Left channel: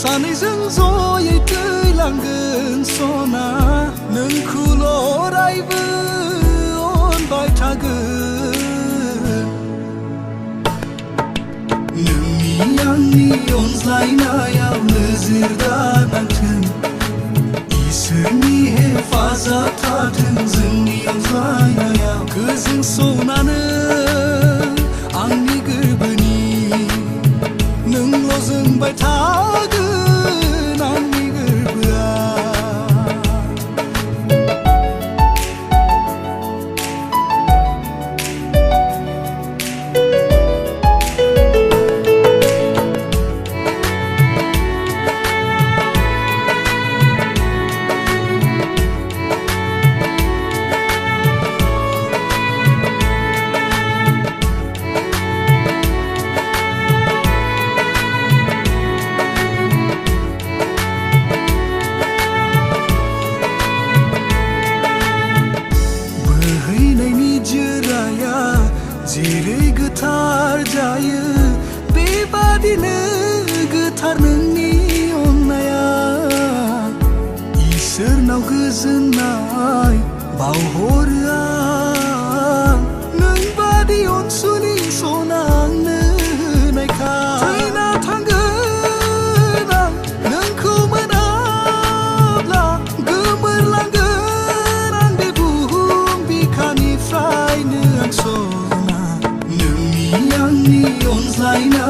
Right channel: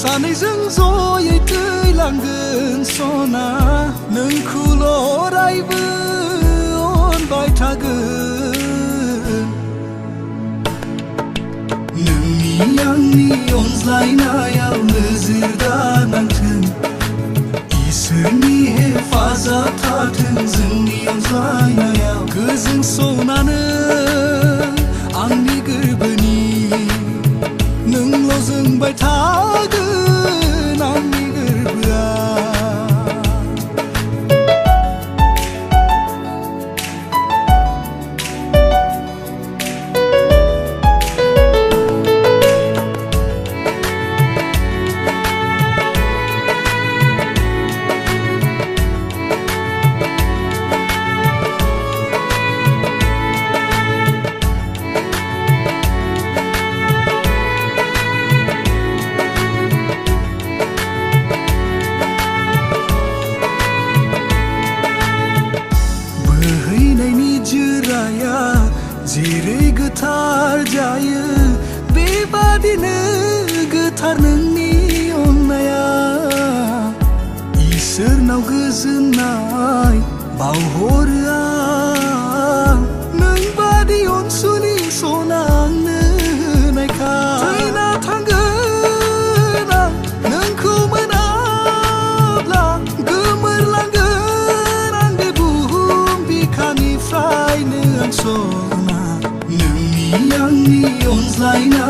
सानैजों जयै दैलांगोन सना नोंखौल' अरायबो अनबाय थागोन नोंनि आंनि अनज्लायनायाव नोजोरा नांथों इसोरनि हेफाजाब थाथों जोंनि अनज्लायनायाव गोजों सनानो आंनि गोरबोनि नोंल' जोंबाय थागोन आंनि गोरबोआ जेरै गोथार जायो बेबादिनो गोथार नोंनि अननाया इसोरनाव गोजोननाय बावहरो आं नोंबादि अनसुलि सना आंनो होनायखाय थैना थांगोन आं नोंखौ मोनाब्ला गोमोरलांगोन आं बे बुहुम बिखानिफ्रायनो आं आंनि अनज्लायनाय